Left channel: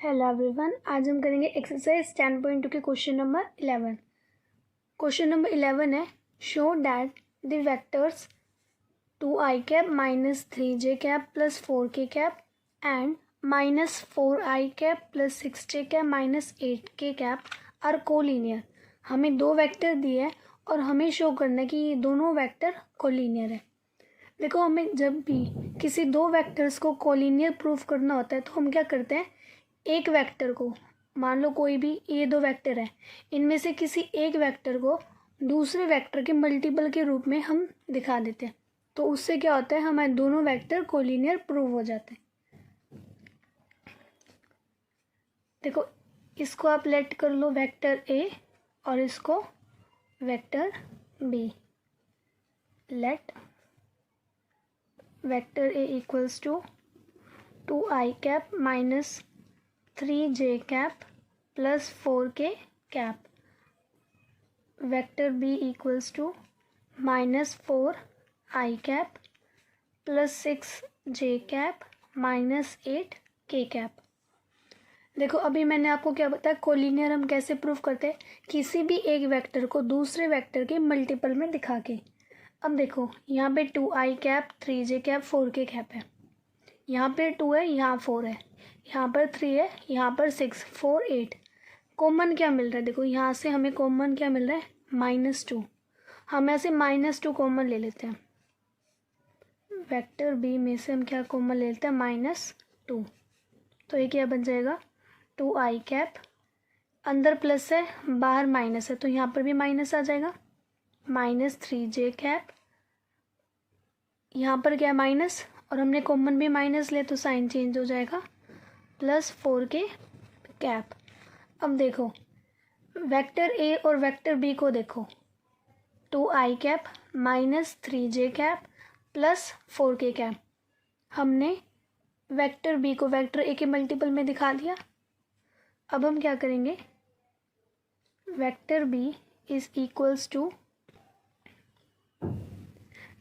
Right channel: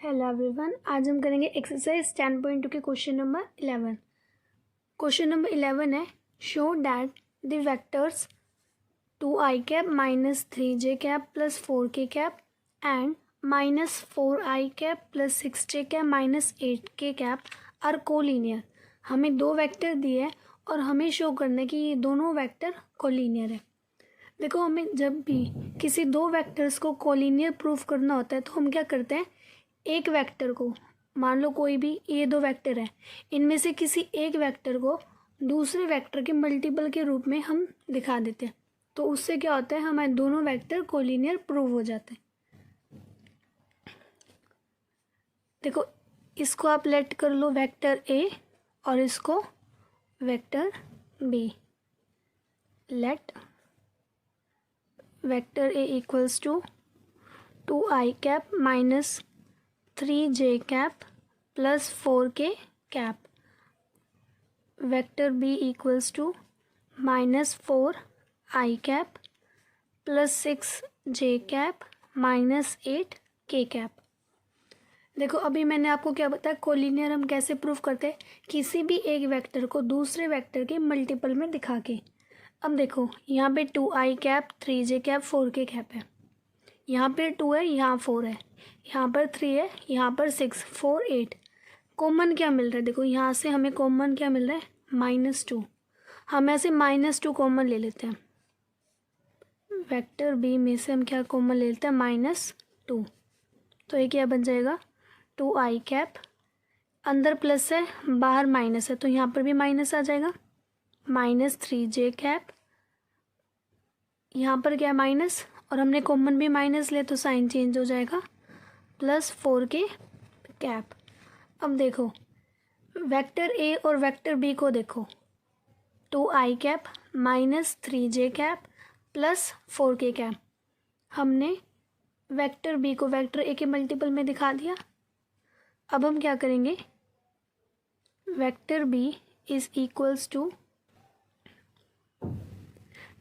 Hello everyone, आज हम करेंगे एक्सरसाइज 10.2 के क्वेश्चन नंबर 11। क्वेश्चन नंबर 11 है, show that the vectors 2i cap minus 3j cap plus 4k cap and minus 4i cap plus 6j cap minus 8k cap are collinear. हमें दो vector दिए हैं और हमें शो करना है कि ये दोनों वेक्टर कोलिनियर है। देखो, हमें जब भी किसी दो वेक्टर्स को कोलिनियर प्रूफ करना होता है तो हम क्या करते हैं, एक वेक्टर को, मान लो कोई भी ये दो वेक्टर है, इनमें से किसी एक वेक्टर को दूसरे वेक्टर के मल्टीपल के रूप में हम दिखा देते हैं। तो उससे क्या होता है, हमारे दोनों वेक्टर कोलिनियर प्रूव हो जाते हैं। देखो, इसको आप लेट कर लो वेक्टर ए और इसको vector B. Let vector A equals to 2i cap minus 3j cap plus 4k cap, vector b equals to minus 4i cap plus 6j cap minus 8k cap. देखो, अभी मैंने आपको क्या बताया, collinear हम कैसे प्रूफ करते हैं, किसी भी एक वेक्टर को दूसरे वेक्टर के मल्टीपल में दिखा के। अब देखो, यहाँ पे 2i cap 3j cap 4k cap है, यहाँ पे 2 है, यहाँ 4 है, यहाँ पर 3 है, यहाँ पर 6, 4, 8। कॉमन क्या मिल रहा है, देखो यहाँ से हमें कॉमन क्या मिल रहा है, -2। हम ऐसे -2 कॉमन ले लेते हैं। वेक्टर बी में से हम क्या कॉमन ले लेते हैं, -2। तो ये क्या बन जाएगा, 2i कैप, अंदर प्लस है बाहर माइनस है तो यहाँ पर भी माइनस आ जाएगा, माइनस 3j कैप, यहाँ पर क्या माइनस, और हमने कॉमन भी माइनस ले तो साइन चेंज हो जाएगा, प्लस 4k कैप। अब देखो, वेक्टर ए और वेक्टर बी को देखो, 2i cap minus 3j cap plus 4k cap. हमने वेक्टर बी को वेक्टर ए के मल्टीपल में दिखा दिया। अब हम क्या करेंगे, vector B is equals to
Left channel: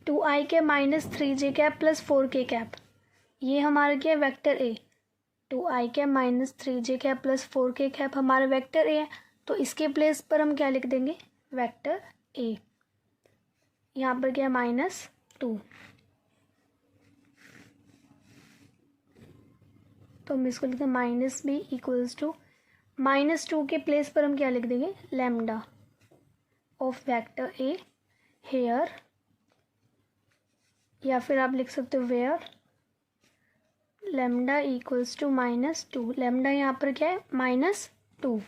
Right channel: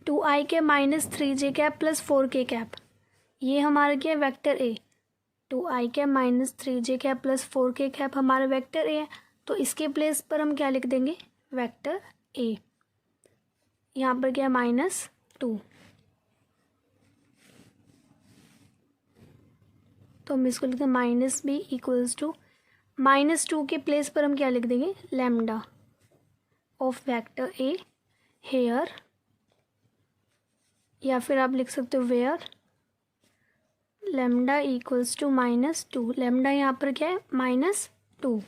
2i cap minus 3j cap plus 4k cap. ये हमारा क्या है, vector A. 2i cap minus 3j cap plus 4k cap हमारा वेक्टर ए है, तो इसके प्लेस पर हम क्या लिख देंगे, वेक्टर ए। यहाँ पर क्या है, -2। तो हम इसको लिखते हैं माइनस बी इक्वल्स टू -2 के प्लेस पर हम क्या लिख देंगे, lambda of vector A here, या फिर आप लिख सकते हो where lambda equals to -2। Lambda यहाँ पर क्या है, -2।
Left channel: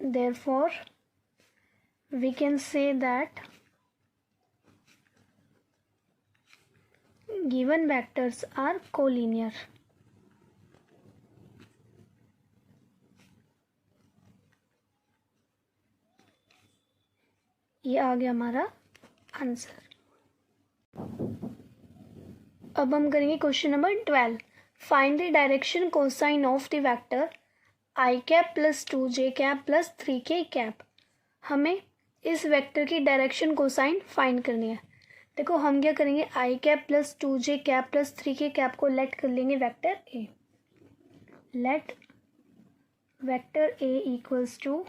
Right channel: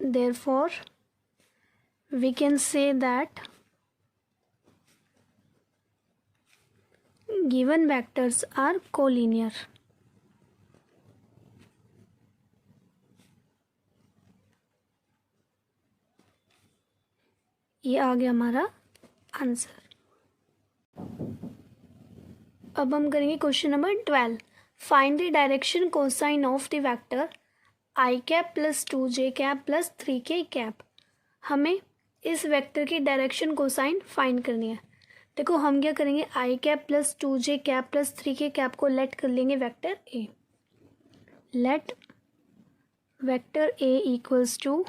Therefore, we can say that given vectors are collinear. ये आ गया हमारा आंसर। अब हम करेंगे question number 12। Find the direction cosine of the vector i cap plus 2j cap plus 3k cap. हमें इस वेक्टर की डायरेक्शन कोसाइन फाइंड करनी है। देखो, हम क्या करेंगे, i cap plus 2j cap plus 3k cap को लेट कर लेंगे vector a। Let vector a equals to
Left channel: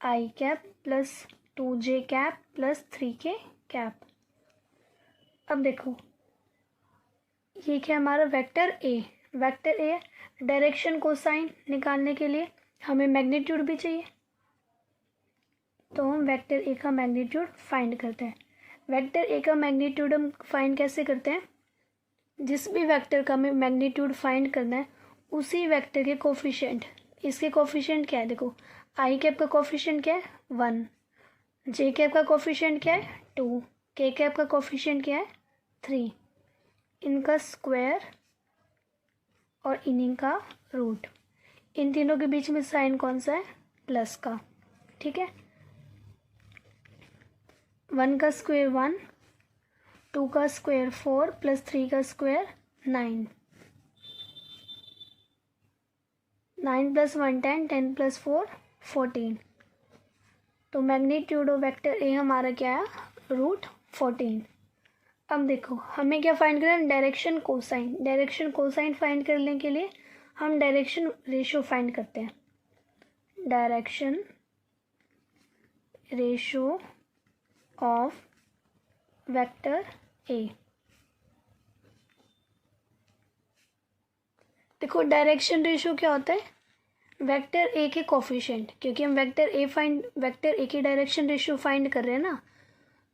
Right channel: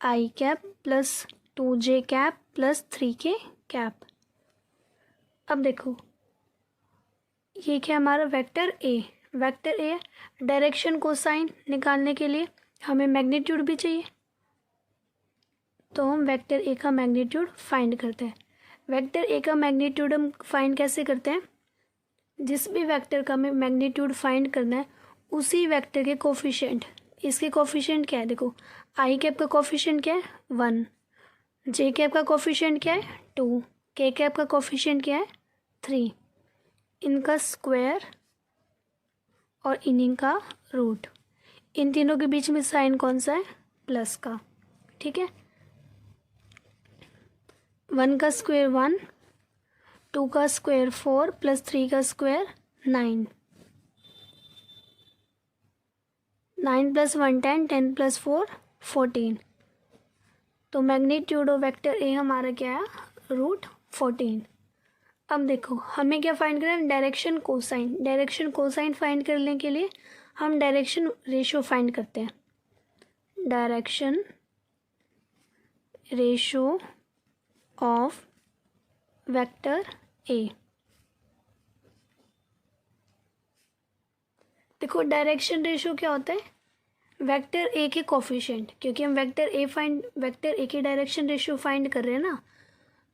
i cap plus 2j cap plus 3k cap. अब देखो, ये क्या हमारा vector A. Vector A direction cosine निकालने के लिए हमें मैग्नीट्यूड भी चाहिए, तो हम वेक्टर ए का मैग्नीट्यूड फाइंड करते हैं। वेक्टर ए का मैग्नीट्यूड हम फाइंड कैसे करते हैं, जिस भी वेक्टर का हमें मैग्नीट्यूड फाइंड करना है उसी वेक्टर के कोफिशिएंट, इसके कोफिशिएंट क्या है, देखो आई कैप का कोफिशिएंट क्या है, 1, जे कैप का कोफिशिएंट क्या है, 2, के कैप का कोफिशिएंट क्या है, 3, इनका स्क्वायर और इन्हीं का रूट। इन तीनों के बीच में साइन कौन सा है, प्लस का, ठीक है। 1 का स्क्वायर 1, 2 का स्क्वायर 4 प्लस 3 का स्क्वायर 9, 9 प्लस 1 10, 10 प्लस 4 14। तो मैग्नीट्यूड ऑफ वेक्टर ए हमारा क्या है, √14। अब देखो हमें क्या फाइंड करना है, direction cosine. Direction cosine find करने के लिए हम डायरेक्शन रेशियो फाइंड करते हैं। डायरेक्शन रेशियो ऑफ वेक्टर ए। देखो डायरेक्शन रेशियो क्या होता है, वेक्टर ए के कोफिशिएंट, क्योंकि हम वेक्टर ए की डायरेक्शन रेशियो फाइंड कर रहे हैं ना,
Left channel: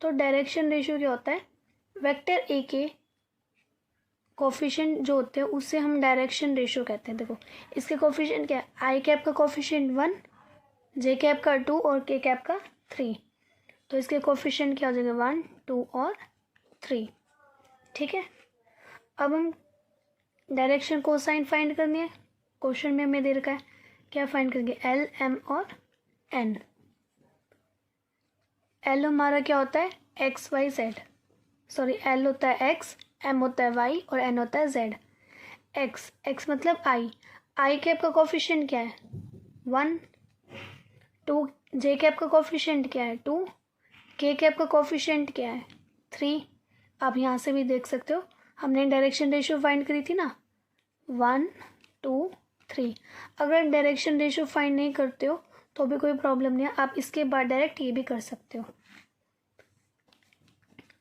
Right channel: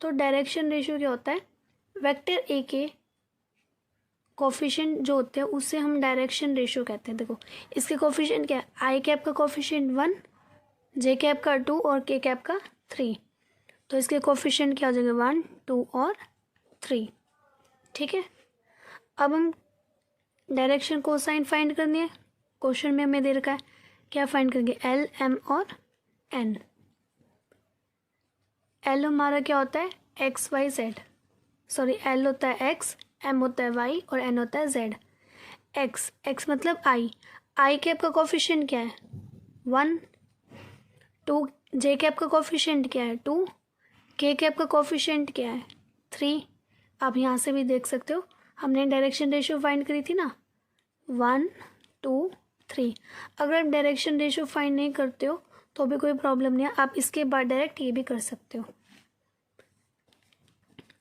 तो डायरेक्शन रेशियो क्या होता है, वेक्टर ए के कोफिशिएंट जो होते हैं उससे हम डायरेक्शन रेशियो कहते हैं। देखो इसके कोफिशिएंट क्या है, आई कैप का कोफिशिएंट 1, जे कैप का 2 और के कैप का 3, तो इसके कोफिशिएंट क्या हो जाएंगे 1, 2 और 3। ठीक है, अब हम डायरेक्शन कोसाइन फाइंड करनी है। क्वेश्चन में हमें दे रखा है क्या फाइंड करेंगे, एल, एम और एन। एल हमारा क्या होता है, X Y Z, sorry L होता है एक्स, एम होता है वाई और एन होता है जेड। एक्स मतलब आई कैप का कोफिशिएंट क्या है 1, 2, जे कैप का कोफिशिएंट क्या है 2, के कैप का कोफिशिएंट क्या है 3। आप यहाँ से भी देख सकते हो, हमने डायरेक्शन रेशियो फाइंड करी थी ना, 1, 2, 3। अगर डायरेक्शन रेशियो फाइंड नहीं करते हो तो भी कोई प्रॉब्लम नहीं है, आप इसके बाद डायरेक्ट ये भी कर सकते हो।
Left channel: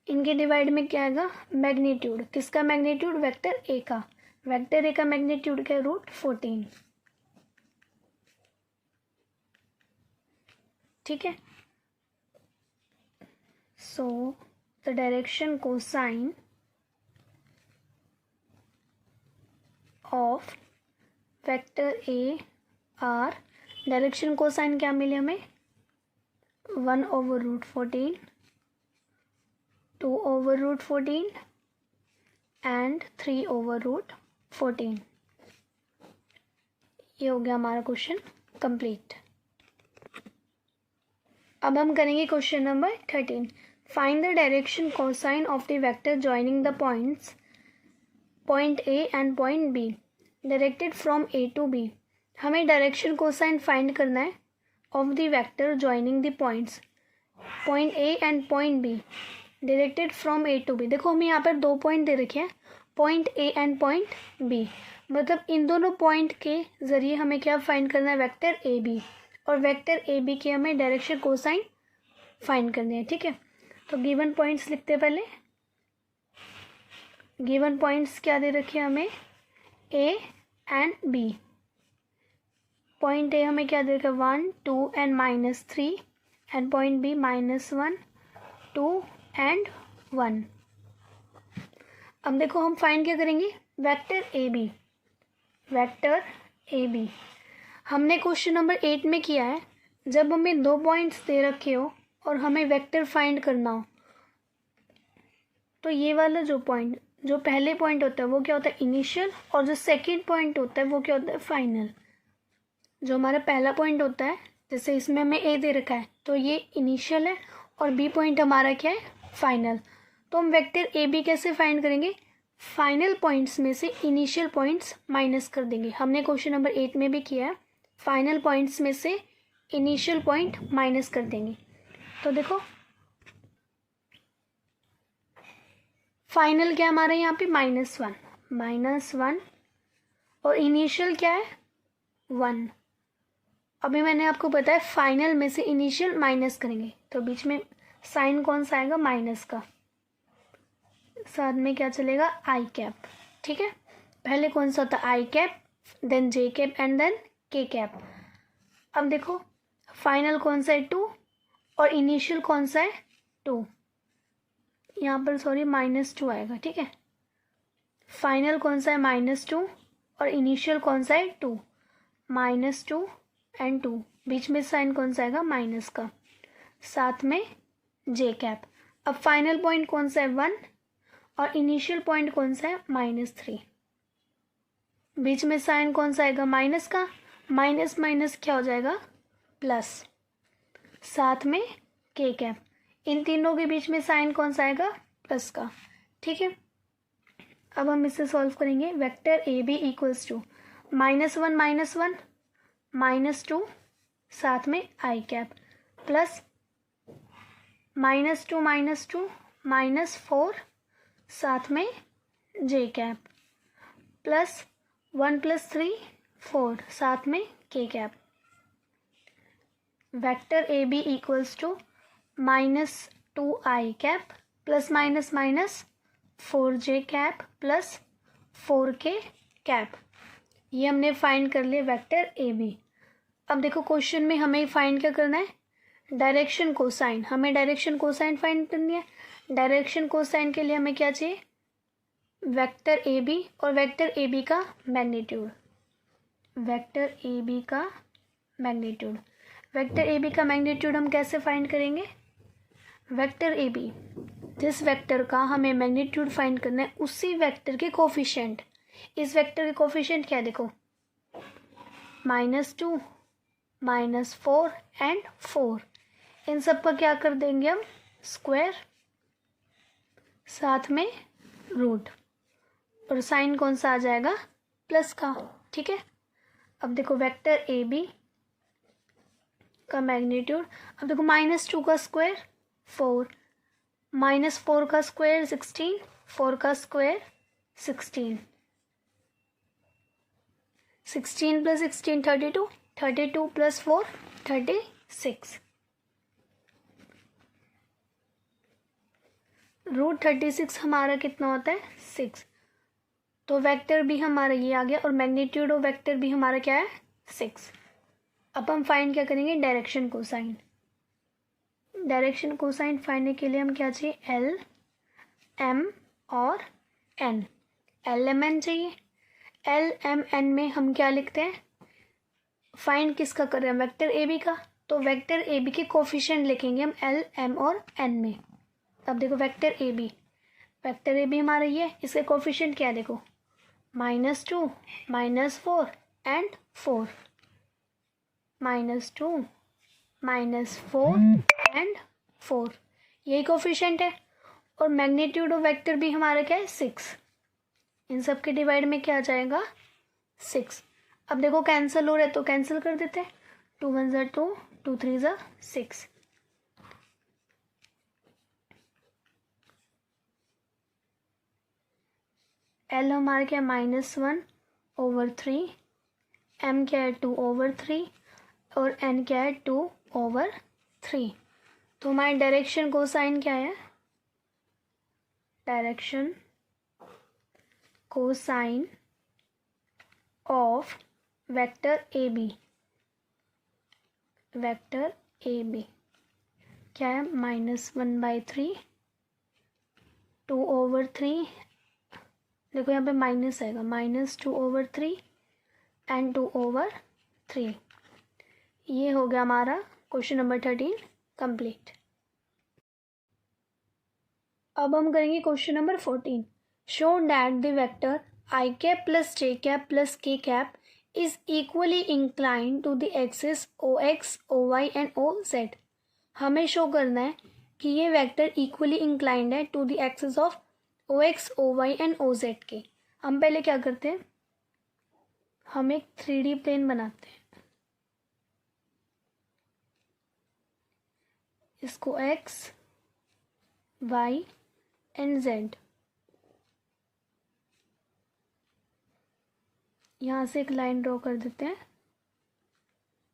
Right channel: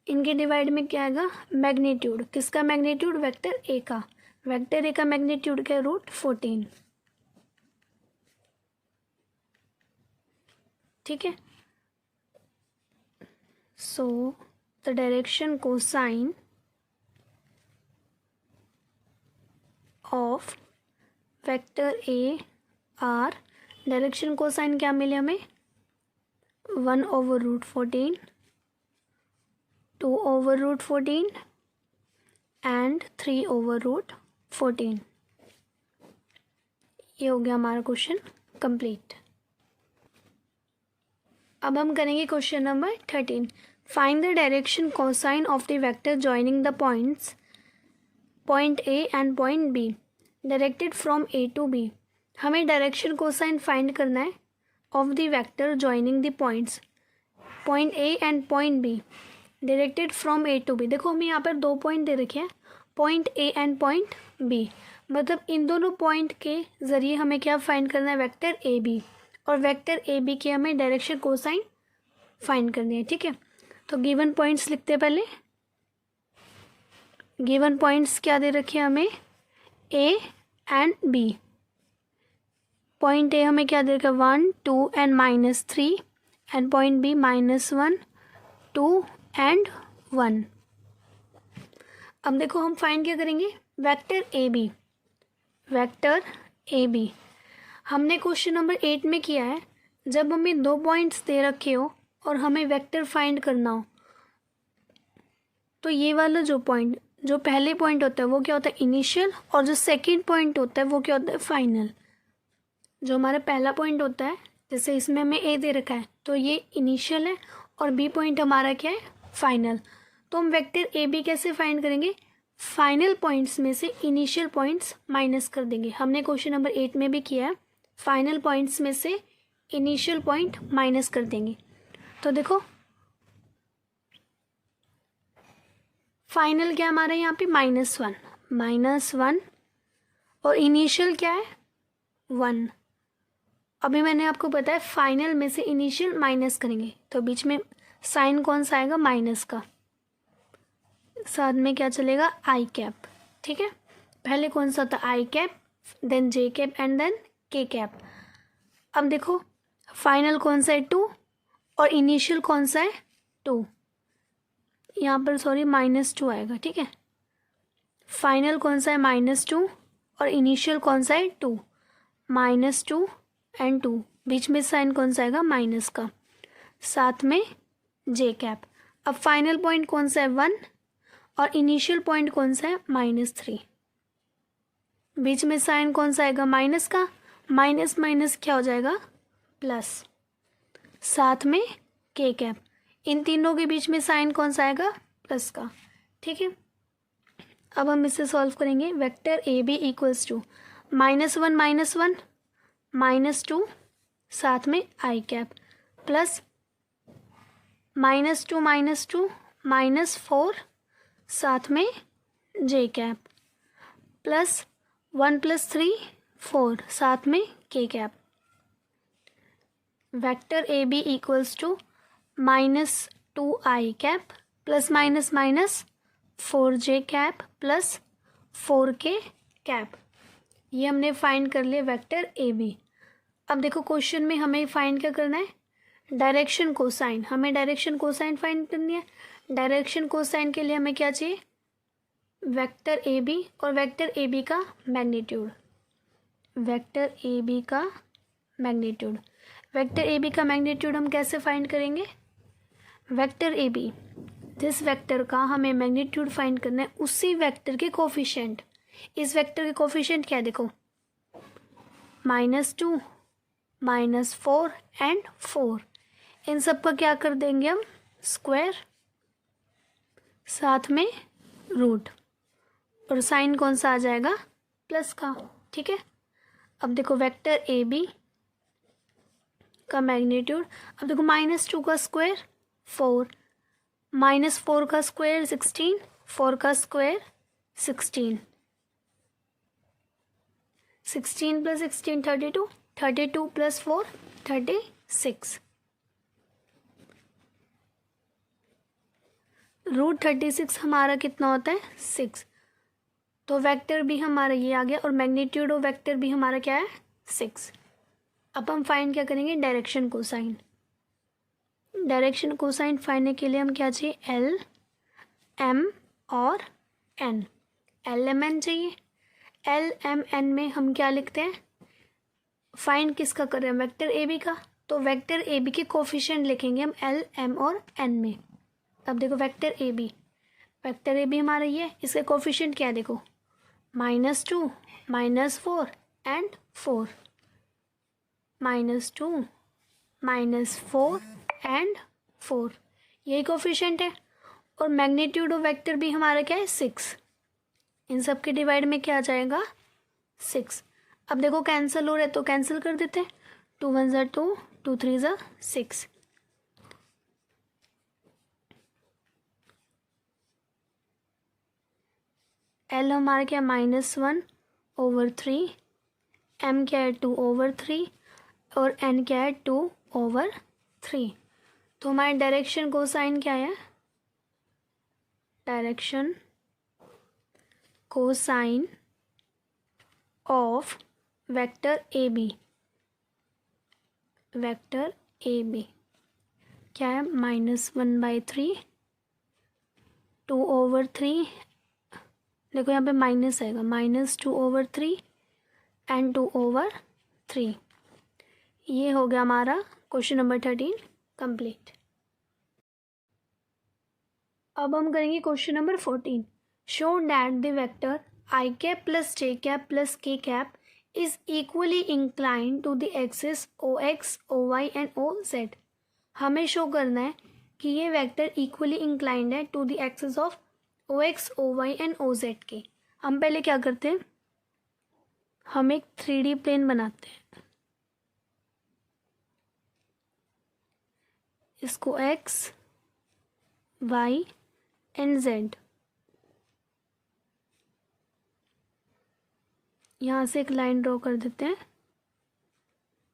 इनके डिवाइड में क्या आएगा, मैग्नीट्यूड। किसका मैग्नीट्यूड, वेक्टर ए का। वेक्टर ए का मैग्नीट्यूड क्या है, √14। ठीक है, so the direction cosine of vector A R, direction cosine क्या मिले हमें 1/√14, 2/√14 एंड 3/√14। ये हो गया हमारा क्वेश्चन कंप्लीट। अब हम करेंगे question number 13। Find the direction cosine of the vector joining the points point A and point B directed from A to B. हमें डायरेक्शन कोसाइन फाइंड करना है of the vector joining the points point A and point B directed from A to B. देखो हमें यहाँ पर 2 point दे रखे हैं, point A and point B, मतलब इन दोनों पॉइंट के जरिए हमें क्या फाइंड करना है, वेक्टर ए बी, और वेक्टर ए बी के हमें डायरेक्शन कोसाइन फाइंड करनी है। ठीक है, तो गिवन पॉइंट्स लिखते हैं पहले। गिवन पॉइंट्स क्या दे रखे हैं हमें, A and B. Point A हमें क्या दे रखा है 1, 2 and -3, and point B -1, 2 and 1। अब देखो हम फाइंड क्या करेंगे, vector A B. Vector A B हमने क्वेश्चन नंबर 8 में किया है, जब हमें 2 पॉइंट्स दे रखे हो और हमें वेक्टर फाइंड करना हो, तो ये वाला जो पहले पॉइंट होता है वो क्या होता है, इनिशियल, और जो सेकंड पॉइंट होता है वो क्या होता है, फाइनल। जो हमारा पहला पॉइंट होता है, जैसे इसमें हमें ए दे रखा है तो ये इनिशियल है, और बी पॉइंट हमारा क्या है, फाइनल। तो हम वेक्टर ए बी कैसे फाइंड करेंगे, फाइनल पॉइंट्स में से इनिशियल पॉइंट्स माइनस कर देंगे। हमने क्वेश्चन नंबर 8 में भी किया है, फाइनल पॉइंट्स में से इनिशियल पॉइंट माइनस कर देंगे। तो देखो फाइनल क्या हमारा यहाँ पे -1 और इनिशियल क्या है 1। अभी मैंने आपको बताया फाइनल में से इनिशियल माइनस करेंगे, तो बीच में साइन कौन सा आएगा, माइनस का, साथ में क्या चलेगा, आई कैप। ठीक है, पहले कौन सा था, i cap, then j cap and then k cap. अब देखो फाइनल कौन सा है 2 और इनिशियल कौन सा है 2, यहाँ पर सॉरी -2 आएगा। ठीक है, फाइनल कौन सा है -2 और इनिशियल कौन सा है 2, -2 एंड 2, बीच में साइन कौन सा आएगा, माइनस का, साथ में जे कैप। अब फाइनल पॉइंट कौन सा है 1 और इनिशियल पॉइंट कौन सा है -3, बीच में साइन कौन सा आएगा, माइनस का, माइनस माइनस क्या हो जाएगा, प्लस, साथ में के कैप। इन तीनों के बीच में साइन कौन सा आएगा, प्लस का। ठीक है, अब हम इसे सॉल्व करेंगे। Vector A B equals to -1 -2 साथ में आई कैप, प्लस -2 -2 -4 साथ में जे कैप प्लस 1 + 3 4 साथ में K cap. Vector A B equals to -2i cap plus minus minus 4j cap plus 4k cap. ये हमने फाइंड कर लिया वेक्टर ए बी। अब देखो क्वेश्चन में हमें फाइंड क्या करना है, डायरेक्शन कोसाइन। हमें डायरेक्शन कोसाइन फाइंड करनी है। डायरेक्शन कोसाइन के लिए हमें क्या चाहिए, वेक्टर ए बी और वेक्टर ए बी का मैग्नीट्यूड। वेक्टर ए बी का मैग्नीट्यूड, वेक्टर ए बी का मैग्नीट्यूड हम कैसे फाइंड करेंगे, वेक्टर ए बी जिस वेक्टर का हमें मैग्नीट्यूड फाइंड करना है उसी वेक्टर के कोफिशिएंट। इस वेक्टर के कोफिशिएंट क्या है देखो, -2 -4 एंड 4। इन सब का क्या कर देंगे हम, स्क्वायर साथ में रूट, और साइन कौन सा आ जाएगा, प्लस का। ठीक है, अब देखो वेक्टर ए बी का मैग्नीट्यूड, अब देखो -2 का स्क्वायर 4, -4 का स्क्वायर 16, 4 का स्क्वायर 16, 16 + 16 32, 32 + 4 36, √36 हमारा कितना होता है, 6। तो वेक्टर भी हमारा ये आ गया और मैग्नीट्यूड ऑफ वेक्टर भी हमारा क्या है, 6। अब हम फाइंड क्या करेंगे, direction cosine. Direction cosine find के लिए हम क्या चाहिए, एल एम और एन। एल एम एन चाहिए। एल एम एन में हम क्या लिखते हैं, फाइंड किसका कर रहे हैं, वेक्टर ए बी का। तो वेक्टर ए बी के कोफिशिएंट लिखेंगे हम एल एम और एन में। अब देखो vector A B, vector A B हमारा ये, इसके कोफिशिएंट क्या है देखो, -2 -4 एंड 4, -2 -4 एंड 4, यही कोफिशिएंट है। और मैग्नीट्यूड ऑफ वेक्टर भी हमारा क्या है, 6। इन सब के डिवाइड में क्या आ जाएगा, 6। अब देखो कैंसिल हो रहा है तो कैंसिल कर देते हैं, 2 × 1 = 2, 2 × 3 = 6। एल हमारा क्या, -1/3, एम क्या है 2/3 और एन क्या है 2/3। तो हमारे डायरेक्शन कोसाइन क्या है, direction cosine of vector A B, vector A B क्या है, -1/3, 2/3, देखो यहाँ पे माइनस आएगा, -2/3 एंड 2/3। ये हो गया हमारा क्वेश्चन नंबर 13 कंप्लीट। अब हम करेंगे question number 14। Show that the vector i cap plus j cap plus k cap is equally inclined to the axis ox, oy and oz। हमें शो करना है कि ये वेक्टर इक्वली इंक्लाइंड है to the axis of ox, oy and oz के। हम पहले क्या करते हैं, हम एक 3D प्लेन बनाते हैं, इसको x, y एंड z, यहाँ से एक लाइन ड्रॉ कर देते हैं,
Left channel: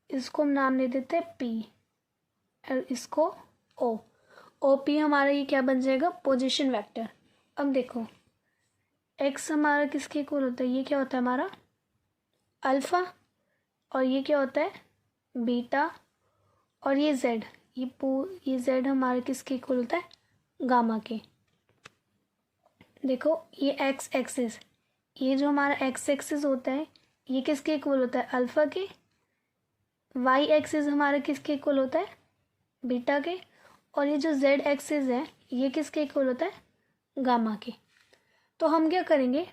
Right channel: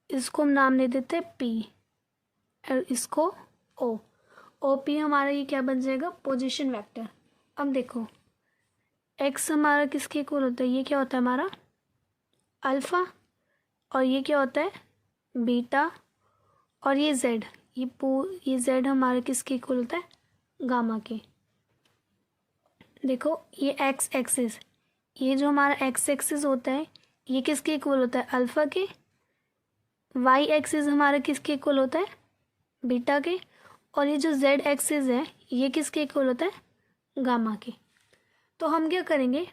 इसको हम नाम दे देते हैं P और इसको O। OP हमारा ये क्या बन जाएगा, पोजीशन वेक्टर। अब देखो x हमारा किसके इक्वल होता है, ये क्या होता है हमारा अल्फ़ा, और ये क्या होता है बीटा, और ये z, ये z हमारा किसके इक्वल होता है, गामा के। देखो ये x एक्सिस, ये जो हमारा x एक्सिस होता है ये किसके इक्वल होता है, अल्फ़ा के। y एक्सिस हमारा किसके इक्वल होता है, बीटा के। और ये जो z एक्सिस है ये किसके इक्वल होता है, गामा के। तो हम क्या करेंगे,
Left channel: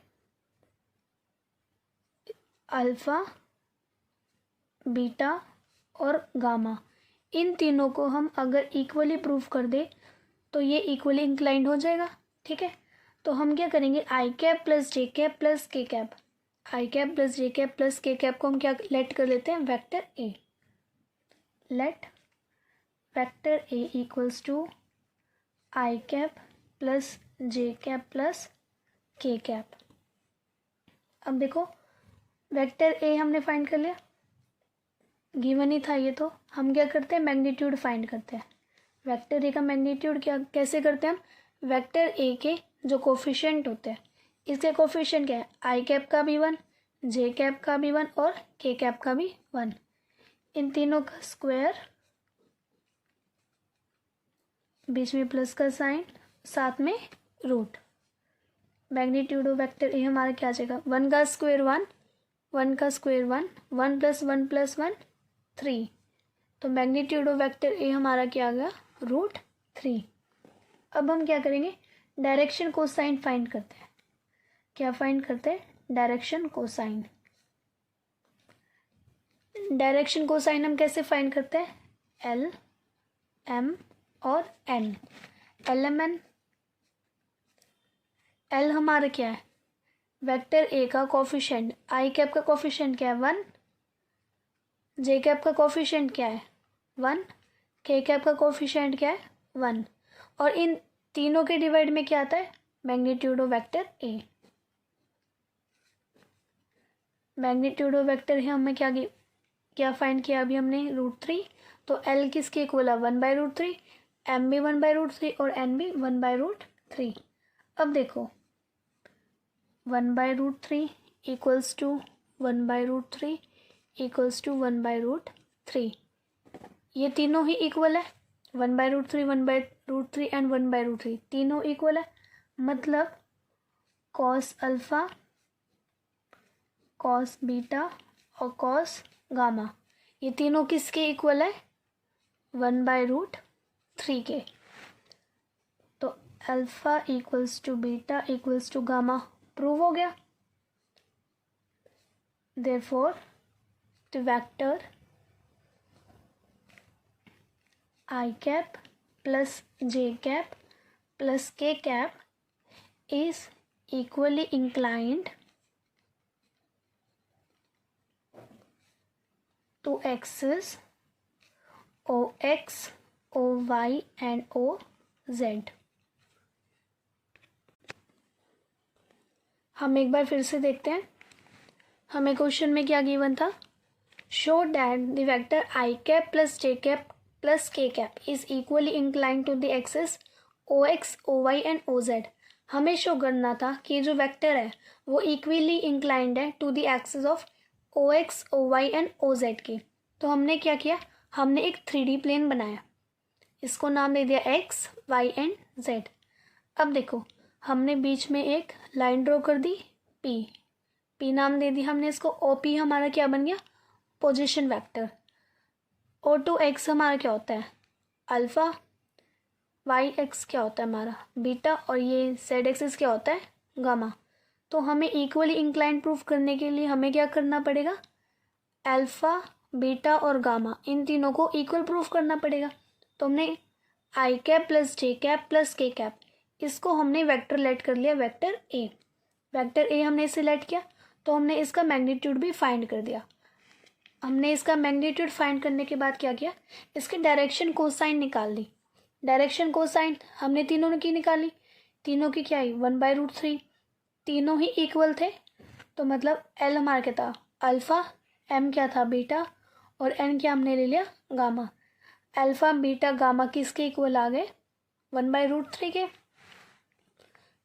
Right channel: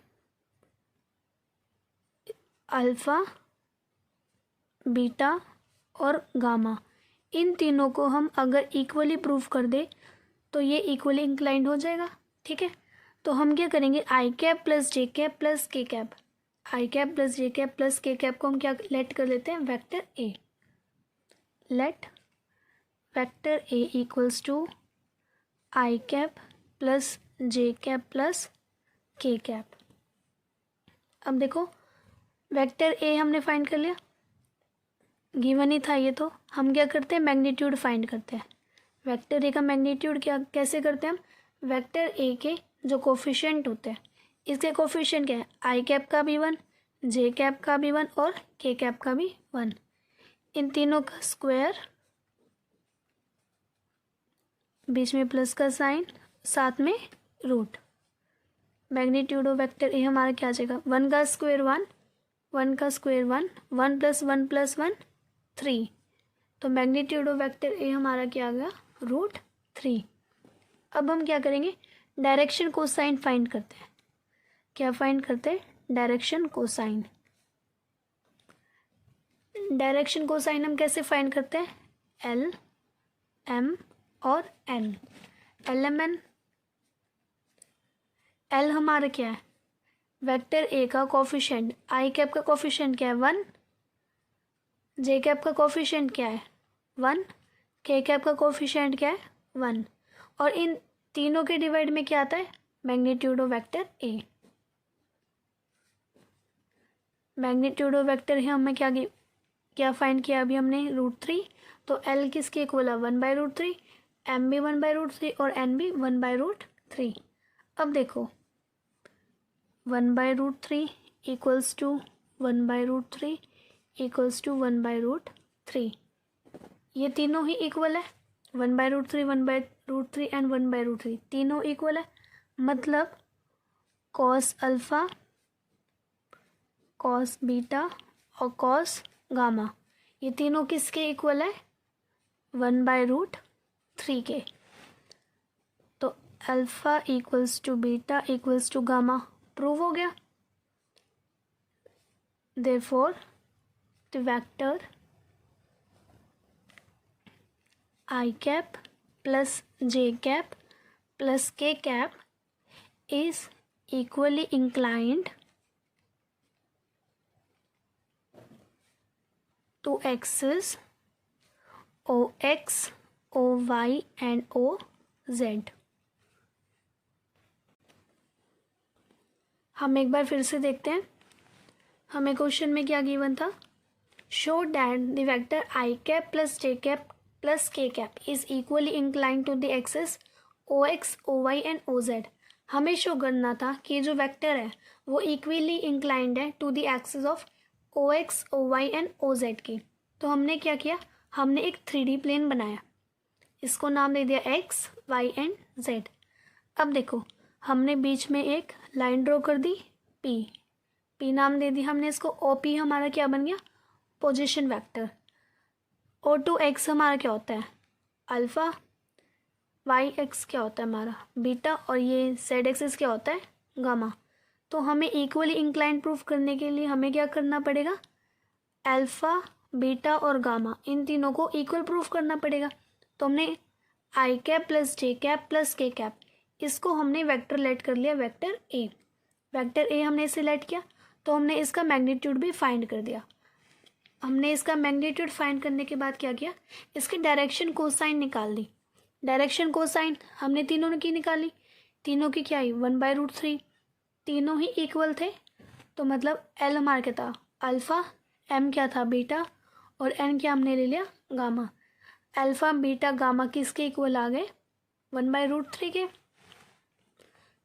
अल्फ़ा, बीटा और गामा, इन तीनों को हम अगर इक्वली प्रूव कर दे तो ये इक्वली इंक्लाइंड हो जाएगा। ठीक है, तो हम क्या करेंगे, I cap plus J cap plus के cap, I cap plus J cap plus के कैप को हम क्या लेट कर देते हैं, vector A. Let vector A equals to I cap plus J cap plus के कैप। अब देखो वेक्टर ए हमने फाइंड कर लिया, गिवन ही था ये, तो हम क्या करते हैं, मैग्नीट्यूड फाइंड करते हैं। वेक्टर ए का मैग्नीट्यूड क्या कैसे करते हैं हम, वेक्टर ए के जो कोफिशिएंट होते हैं, इसके कोफिशिएंट क्या है, आई कैप का भी 1, जे कैप का भी 1 और के कैप का भी 1, इन तीनों का स्क्वायर, बीच में प्लस का साइन, साथ में root. Magnitude of vector A हमारा क्या आ जाएगा, 1 का स्क्वायर 1, 1 का स्क्वायर 1, 1 प्लस 1 प्लस 1 3, तो मैग्नीट्यूड ऑफ वेक्टर ए हमारा क्या आ गया, √3। अब हम क्या करेंगे, डायरेक्शन कोसाइन फाइंड करते हैं। क्या फाइंड करते हैं, डायरेक्शन कोसाइन। डायरेक्शन कोसाइन हम कैसे फाइंड करते हैं, एल एम और N. L M N, L हमारा क्या है, वेक्टर ए का कोफिशिएंट, आई कैप का कोफिशिएंट क्या है 1, जे कैप का कोफिशिएंट क्या है 1, के कैप का कोफिशिएंट क्या है 1, और इन तीनों के डिवाइड में क्या आता है, magnitude of vector A. Magnitude of vector है हमें क्या फाइंड किया अभी हमने, √3, तो एल किसके इक्वल है 1/√3, एम भी 1/√3 और एन भी 1/√3। अब देखो 1/√3 इक्वल्स टू 1/√3 इक्वल्स टू 1/√3, ये तीनों ही इक्वल है, 1/√3 1/√3 एंड 1/√3 तीनों इक्वल है, मतलब कॉस अल्फा, कॉस बीटा और कॉस गामा, ये तीनों किसके इक्वल है, 1/√3 के। तो alpha equals to beta equals to gamma prove हो गया। Therefore the vector i cap plus J cap plus के cap is equally inclined to axis OX, OY and OZ। हम एक बार फिर से देखते हैं, हमें क्वेश्चन में क्या गिवन था, show that the vector i cap plus J cap plus के cap is equally inclined to the axis OX, OY and OZ। हमें शो करना था कि जो वेक्टर है वो इक्वली इंक्लाइंड है to the axis of OX, OY and OZ की। तो हमने क्या किया, हमने एक 3D प्लेन बनाया, इसको नाम दे दिया X, Y एंड Z। अब देखो हमने बीच में एक लाइन ड्रॉ कर दी P नाम दे दी हमने इसको, OP हमारा क्या बन गया, पोजीशन वेक्टर। O2X हमारा क्या होता है, अल्फा, YX क्या होता है हमारा बीटा, और ये Z एक्सिस क्या होता है गामा। तो हमें इक्वली इंक्लाइंड प्रूफ करने के लिए हमें क्या करना पड़ेगा, अल्फा, बीटा और गामा इन तीनों को इक्वल प्रूफ करना पड़ेगा। तो हमने आई कैप प्लस जे कैप प्लस के कैप, इसको हमने वेक्टर लेट कर लिया, वेक्टर ए। वेक्टर ए हमने सिलेक्ट किया, तो हमने इसका मैग्नीट्यूड भी फाइंड कर दिया। हमने इसका मैग्नीट्यूड फाइंड करने के बाद क्या किया, इसकी डायरेक्शन कोसाइन निकाल दी। डायरेक्शन कोसाइन हमने तीनों की निकाली, तीनों की क्या आई 1/√3, तीनों ही इक्वल थे, तो मतलब एल हमारा क्या था अल्फा, एम क्या था बीटा और एन क्या हमने ले लिया गामा। अल्फा बीटा गामा किसके इक्वल आ गए 1/√3 के।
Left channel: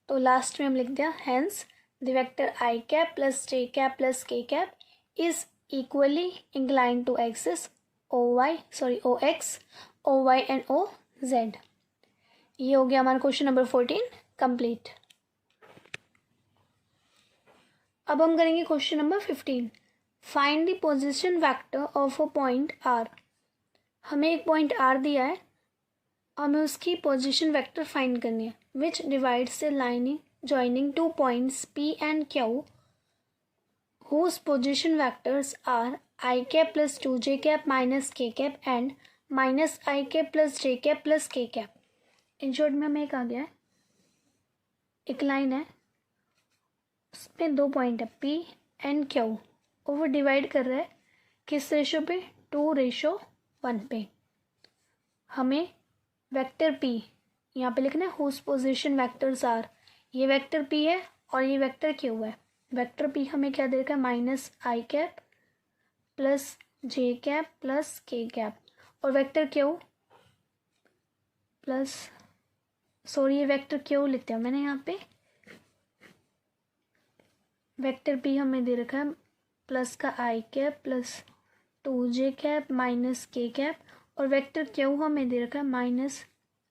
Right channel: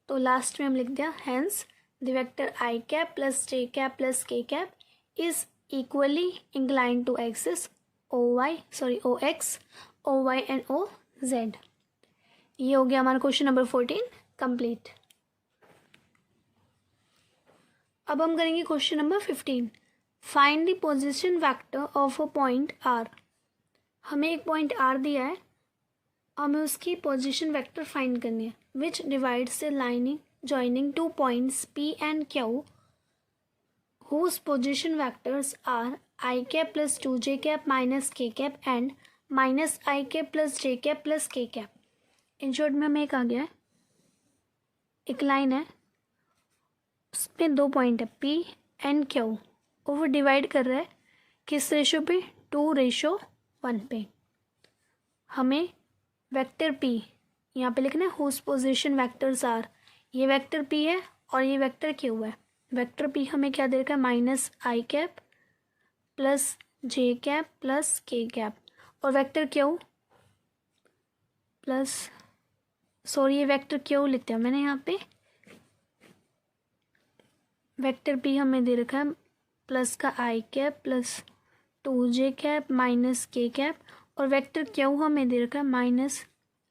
तो लास्ट में हम लिख दिया hence the vector i cap plus J cap plus के cap is equally inclined to axis OX, OY and OZ। ये हो गया हमारा क्वेश्चन नंबर 14 कंप्लीट। अब हम करेंगे question number 15, find the position vector of a point R। हमें एक पॉइंट R दिया है, हमें उसकी पोजीशन वेक्टर फाइंड करनी है, विच divides the line joining two points P and Q whose position vectors are I cap plus 2j cap minus k cap and minus I cap plus j cap plus k cap। In short में हमें एक आ गया है, एक line है उसमें दो point है P एंड Q, और वो डिवाइड कर रहा है किस रेशो पे 2:1 पे। हमें वेक्टर P यहाँ पे लिखना है हुज पोजीशन वेक्टर्स आर, ये वेक्टर पी है और ये वेक्टर क्यू है। वेक्टर पी हमें क्या दे रखा है, माइनस आई कैप प्लस जे कैप प्लस के कैप, और वेक्टर क्यू प्लस, सॉरी ये वेक्टर क्यू लिखते हैं मैंने यहाँ पे, वेक्टर पी हमें दे रखा है प्लस का i cap plus 2j cap minus k cap, और वेक्टर क्यू हमें दे रखा है माइनस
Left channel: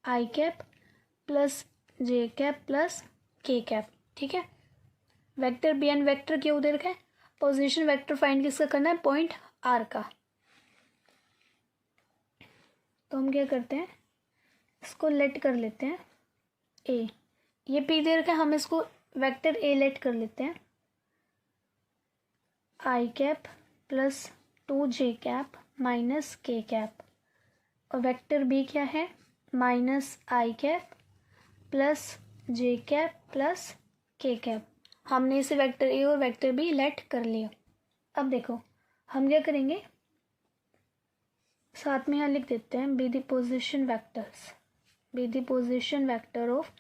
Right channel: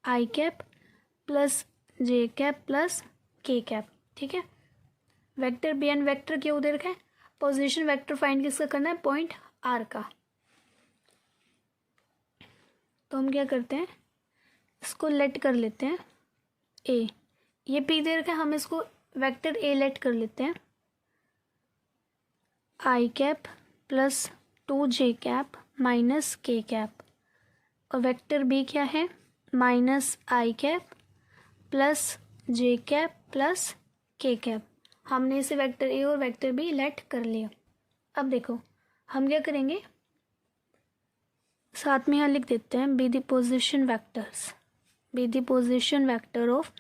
आई कैप प्लस जे कैप प्लस के कैप। ठीक है, vector b and vector q दे रखा है। पोजीशन वेक्टर फाइंड किसका करना है, पॉइंट आर का। तो हम क्या करते हैं, इसको लेट कर लेते हैं ए, ये पी दे रखा है, हम इसको वेक्टर ए लेट कर लेते हैं, i cap plus 2j cap minus k cap, और वेक्टर बी क्या है, माइनस आई कैप प्लस जे कैप प्लस के कैप। हमने इसे वेक्टर ए और वेक्टर बी लेट कर लिया। अब देखो हम क्या करेंगे, साथ में यहाँ लिख देते हैं B the position vectors, B the position vector of,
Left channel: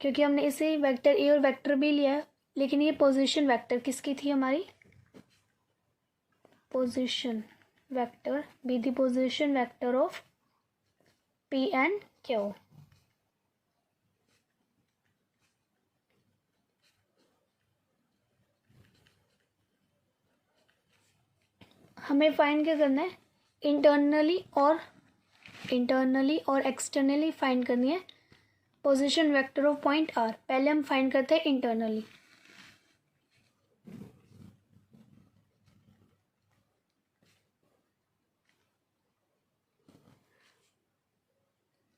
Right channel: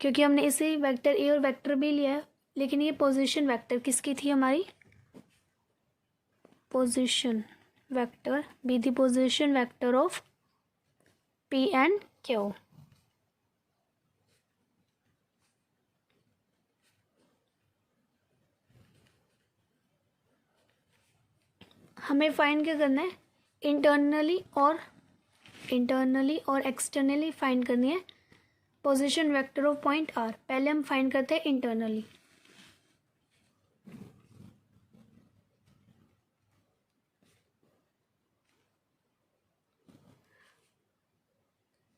क्योंकि हमने इसे वेक्टर ए और वेक्टर बी लिया है, लेकिन ये पोजीशन वेक्टर किसकी थी, हमारी position vector, be the position vector of P and Q. हमें फाइंड क्या करना है, इंटरनली और एक्सटर्नली फाइंड करनी है position vector of point R. पहले हम फाइंड करते हैं इंटरनली।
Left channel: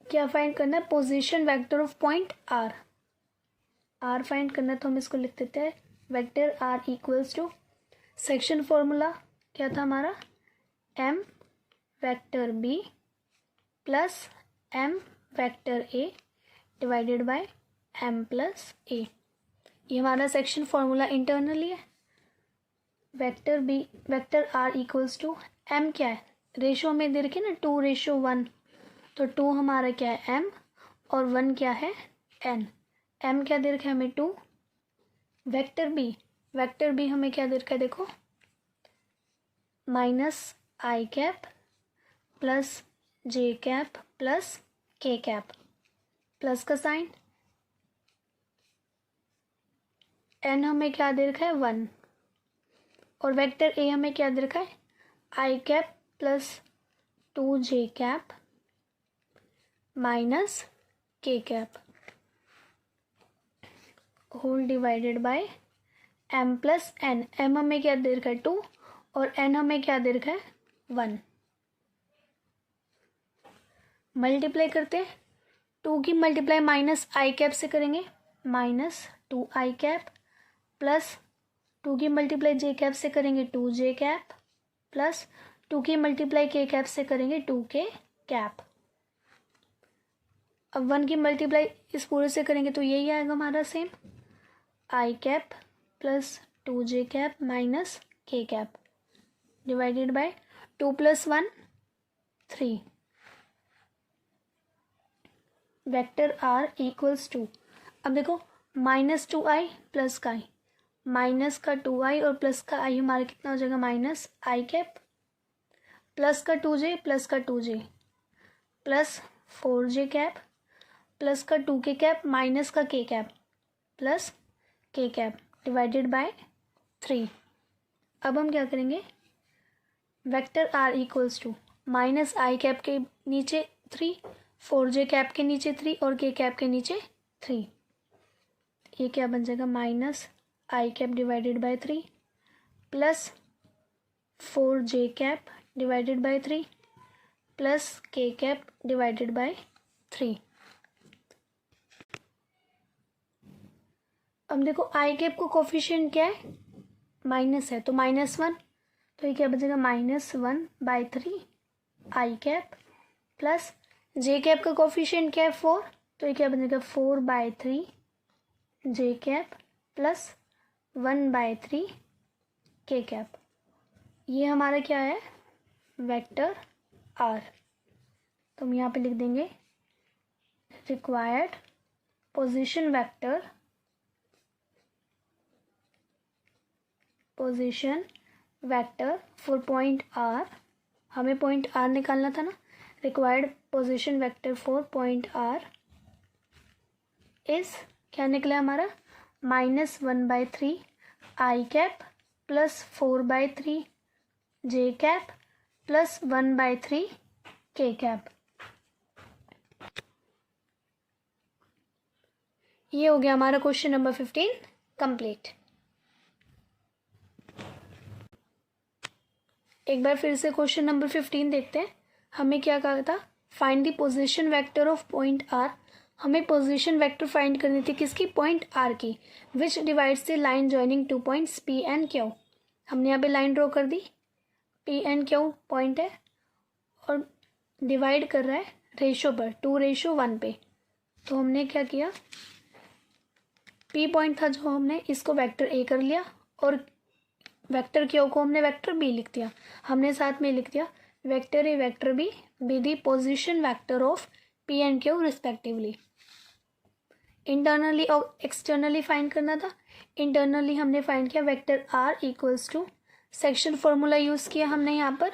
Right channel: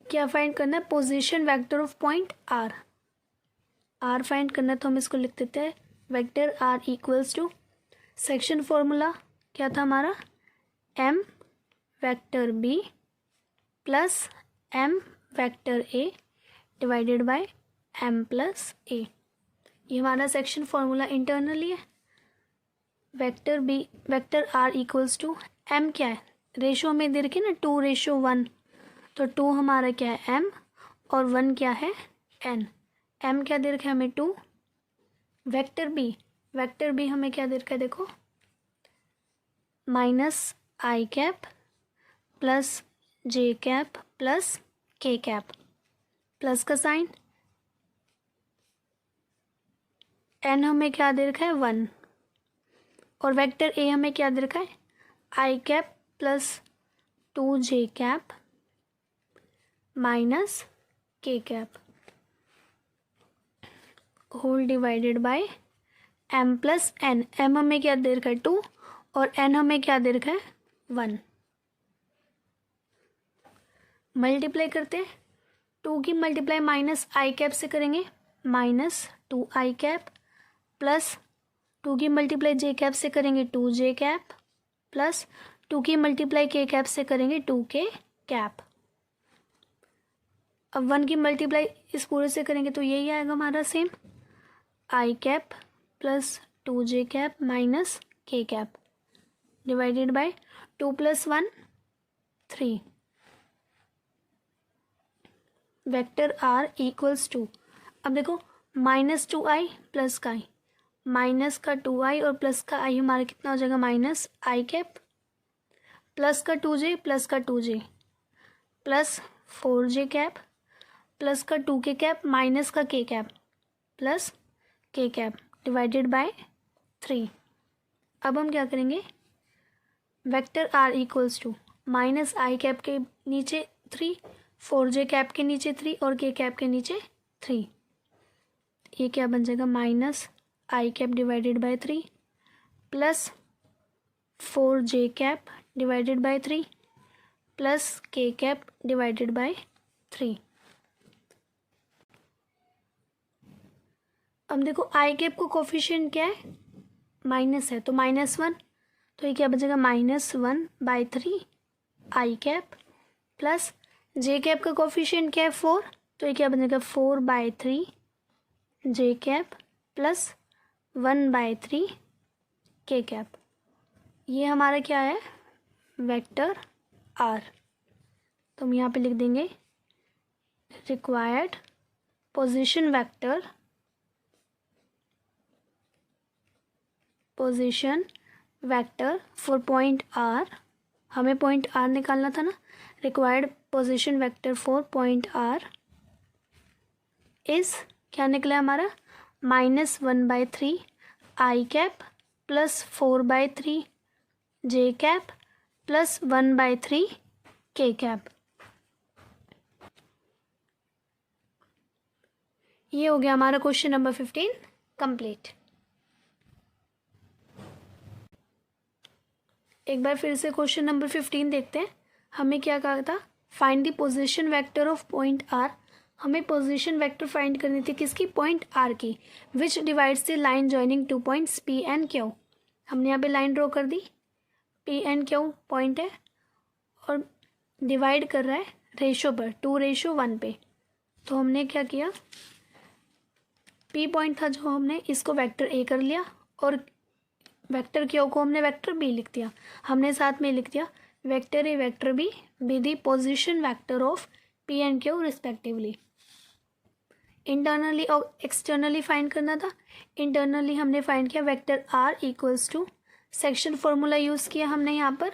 क्या फाइंड करना है, position vector of point R. R find करना है तो हम इसको लिख देते हैं vector are equals to, section formula क्या था हमारा, m vector b plus m vector A divided by m plus a. ये हमारा सेक्शन फॉर्मूला इंटरनली है। Vector b vector are equals to, m क्या है, रेशो में दे रखी ना 2:1, तो 2 हमारा क्या है एम और 1 क्या है एन। एम क्या दे रखा है हमें 2, वेक्टर बी हमें क्या दे रखा है, देखो माइनस आई कैप प्लस जे कैप प्लस के कैप, प्लस का साइन, एन हमें क्या दे रखा है 1, और वेक्टर ए हमें क्या दे रखा है, i cap plus 2j cap minus k cap whole divided by m plus n. M हमें क्या दे रखा है 2 और एन हमें क्या दे रखा है 1। मल्टीप्लाई करते हैं, 2 की मल्टीप्लाई माइनस आई कैप से करेंगे, माइनस 2i कैप प्लस 2 की मल्टीप्लाई जे कैप से करेंगे 2j कैप प्लस 2 की मल्टीप्लाई के कैप से करेंगे 2k कैप। अब 1 की मल्टीप्लाई इस पूरे से करेंगे तो यही आएगा हमारा same, i cap plus 2j cap minus k cap divided by 2 + 1 3। Vector are equals to, अब देखो -2i प्लस का i, माइनस का 2i और प्लस का i हमारा कितना हो जाएगा, माइनस आई कैप प्लस का 2j प्लस का 2j plus 4j cap plus का 2k कैप माइनस का k cap plus k cap divided by 3। अब हम क्या करेंगे, vector are equals to minus I cap के नीचे 3, 4j कैप के नीचे 3 और k कैप के नीचे 3। ये क्या बन जाएगा, minus I cap divided by 3 plus 4j cap divided by 3 plus k cap divided by 3। अब देखो आई कैप को कोफिशिएंट क्या है, माइनस है, तो -1, तो ये क्या बचेगा -1/3 आई कैप प्लस जे कैप का कोफिशिएंट क्या है 4, तो ये क्या बनेगा 4/3 जे कैप प्लस 1/3 के कैप। ये हमारा क्या है, वेक्टर आर। तो हम यहाँ पे लिख देंगे required position vector for point R, हमें point R निकालना था ना, required position vector for point R is क्या निकला हमारा, -1/3 I cap plus 4/3 J cap plus 1/3 K cap। ये हो गया हमारा क्वेश्चन नंबर 15 कंप्लीट। एक बार फिर से क्वेश्चन नंबर 15 देखते हैं। हमें क्या कहा था, find the position vector of point R. हमें पोजीशन वेक्टर फाइंड करनी थी किसकी, पॉइंट आर की, which divides the line joining two points P and Q. हमने यहाँ पे लाइन ड्रॉ कर दी, पी एंड क्यू पॉइंट है और डिवाइड कर रहा है रेशो पर, 2:1 पे। तो हमने क्या किया, पी पॉइंट था जो, हमने इसको वेक्टर ए कर लिया और वेक्टर क्यू को हमने वेक्टर बी लिख दिया। हमने साथ में लिख दिया vector A vector B be the position vector of P and Q respectively. Internally और एक्सटर्नली फाइंड करना था। इंटरनली हमने फाइंड किया vector are equals to, section formula use किया हमने यहाँ पर,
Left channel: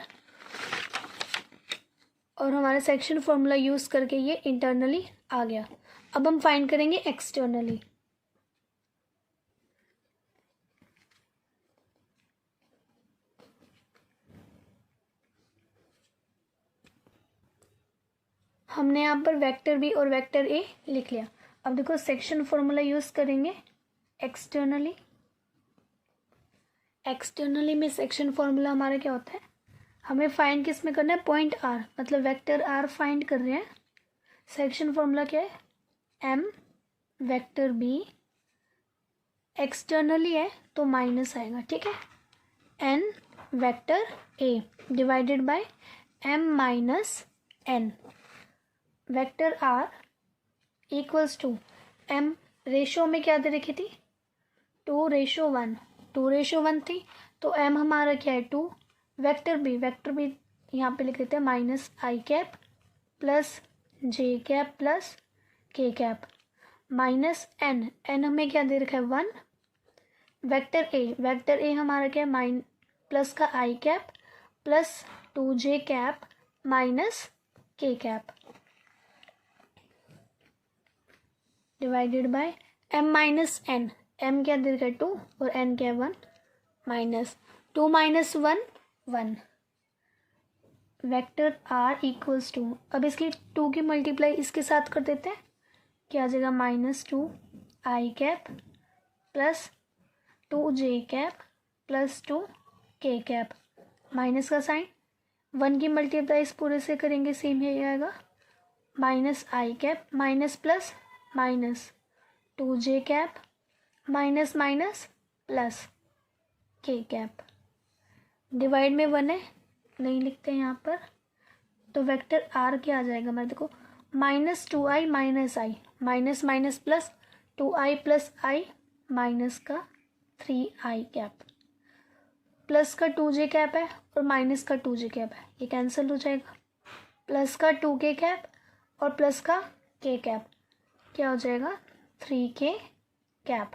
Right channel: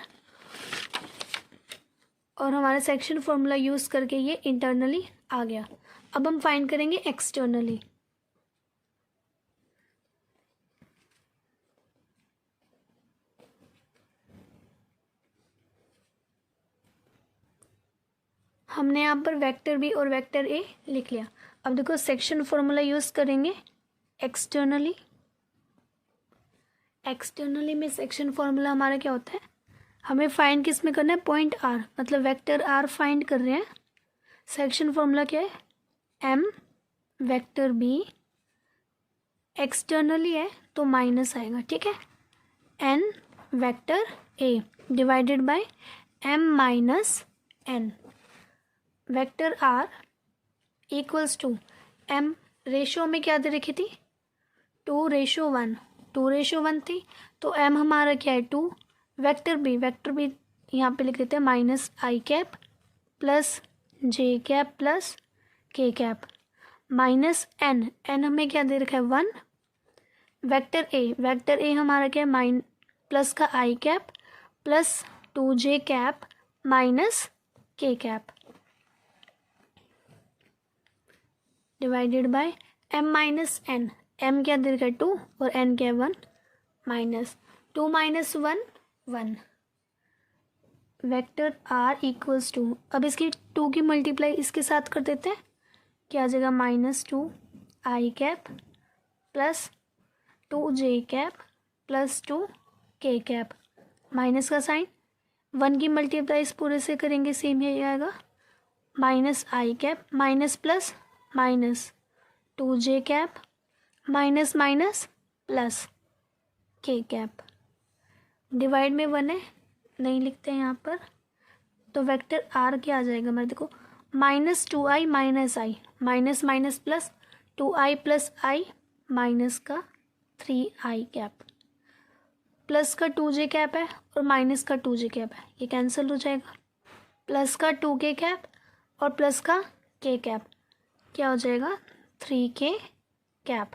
और हमारा सेक्शन फॉर्मूला यूज़ करके ये इंटरनली आ गया। अब हम फाइंड करेंगे एक्सटर्नली। हमने यहाँ पर वेक्टर बी और वेक्टर ए लिख लिया। अब देखो सेक्शन फॉर्मूला यूज़ करेंगे एक्सटर्नली। एक्सटर्नली में सेक्शन फॉर्मूला हमारा क्या होता है, हमें फाइंड किस में करना है, पॉइंट आर, मतलब वेक्टर आर फाइंड कर रहे हैं। सेक्शन फॉर्मूला क्या है, एम वेक्टर बी, एक्सटर्नली है तो माइनस आएगा, ठीक है, N vector A divided by M minus N. Vector are equals to M, ratio में क्या दे रखी थी, 2:1, 2:1 थी, तो एम हमारा क्या है 2। वेक्टर बी यहाँ पे लिख देते हैं माइनस आई कैप प्लस जे कैप प्लस के कैप माइनस एन, एन हमें क्या दे रखा है 1। वेक्टर ए हमारा क्या है प्लस का i cap plus 2j cap minus k cap divided by M minus n. M क्या दे रखा है 2 और एन क्या है 1, minus 2 minus 1 1। Vector are equals to, अब इसकी 2 की मल्टीप्लाई इसके साथ कर देते हैं, क्या आ जाएगा -2 i cap plus 2j cap plus 2 k cap, minus का साइन, 1 की मल्टीप्लाई इस पूरे से करेंगे सेम ही आएगा, माइनस आई cap minus plus minus 2j cap minus minus plus के कैप, डिवाइड में 1 है नहीं लिखते हैं यहाँ पर, तो वेक्टर आर क्या आ जाएगा मेरे, देखो -2i minus i, minus minus plus 2i plus i minus का 3i कैप, प्लस का 2j कैप है और माइनस का 2j कैप है, ये कैंसिल हो जाएगा, प्लस का 2k कैप और प्लस का k कैप क्या हो जाएगा 3k कैप।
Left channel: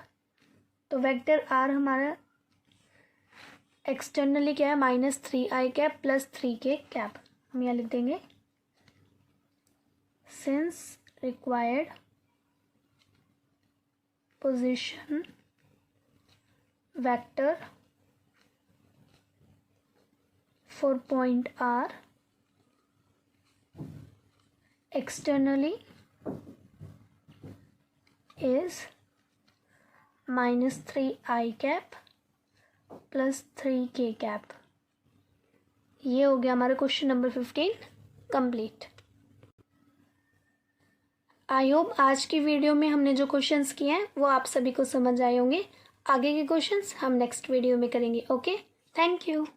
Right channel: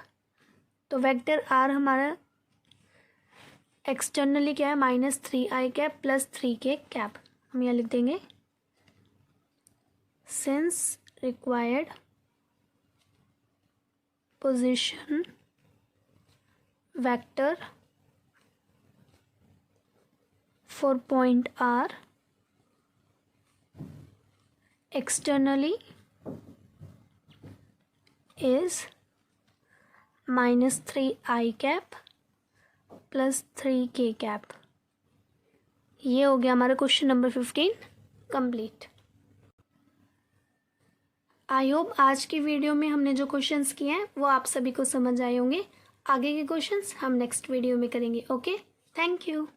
तो वेक्टर आर हमारा एक्सटर्नली क्या है -3i cap plus 3k cap. हम यहाँ लिख देंगे since required position vector for point R externally is -3i cap plus 3k cap. ये हो गया हमारा question number 15 complete. I hope आज की वीडियो में हमने जो क्वेश्चंस किए हैं वो आप सभी को समझ आए होंगे। आगे के क्वेश्चंस हम नेक्स्ट वीडियो में करेंगे। Okay, thank you.